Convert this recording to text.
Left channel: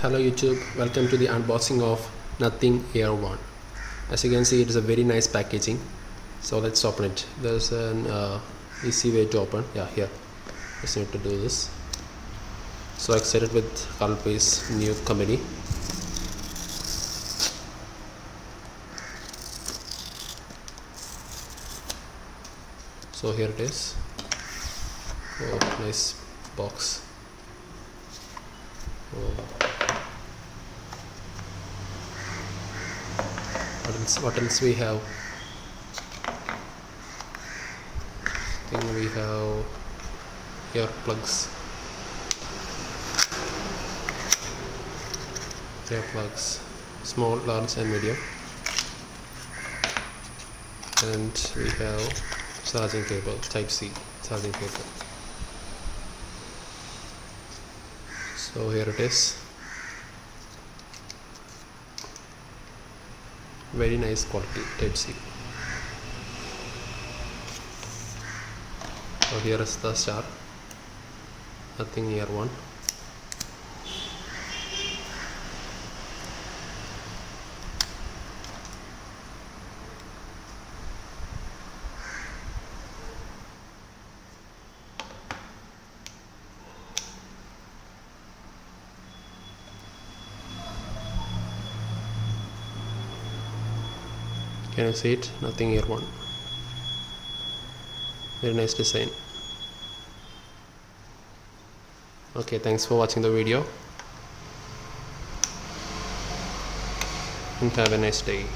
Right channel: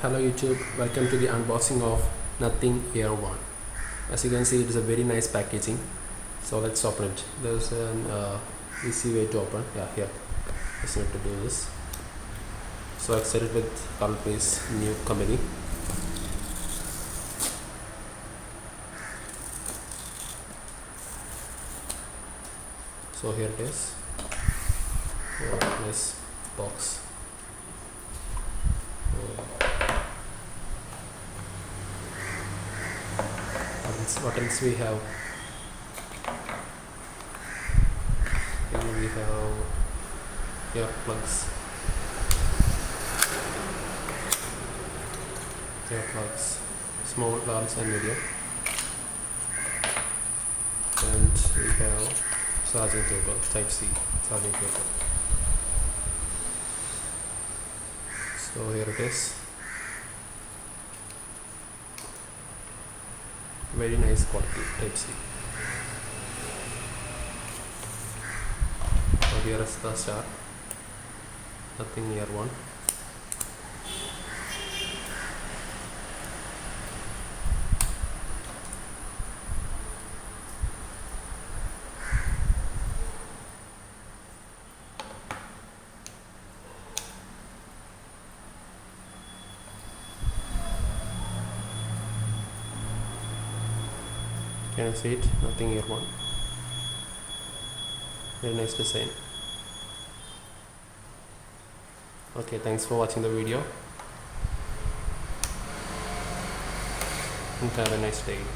Hello YouTube, welcome to the unboxing of Nothing Air 1. As you can see, it is a very nice packaging. So let's open it. There's an easy way to open. Yeah, here. Just need to do this. So excited with Carlpay's new comedy. So here it is. Oh, nice box. Oh. What else we have? Then we have earplugs. Earplugs, small, large, and medium. And we have charging cable, Type C charging cable. So here it is. Very nice quality, Type C. So here is the star. Nothing Air 1. Can you see it? Nothing Air 1. Very nice design. Okay, thanks for watching the video and have a nice day.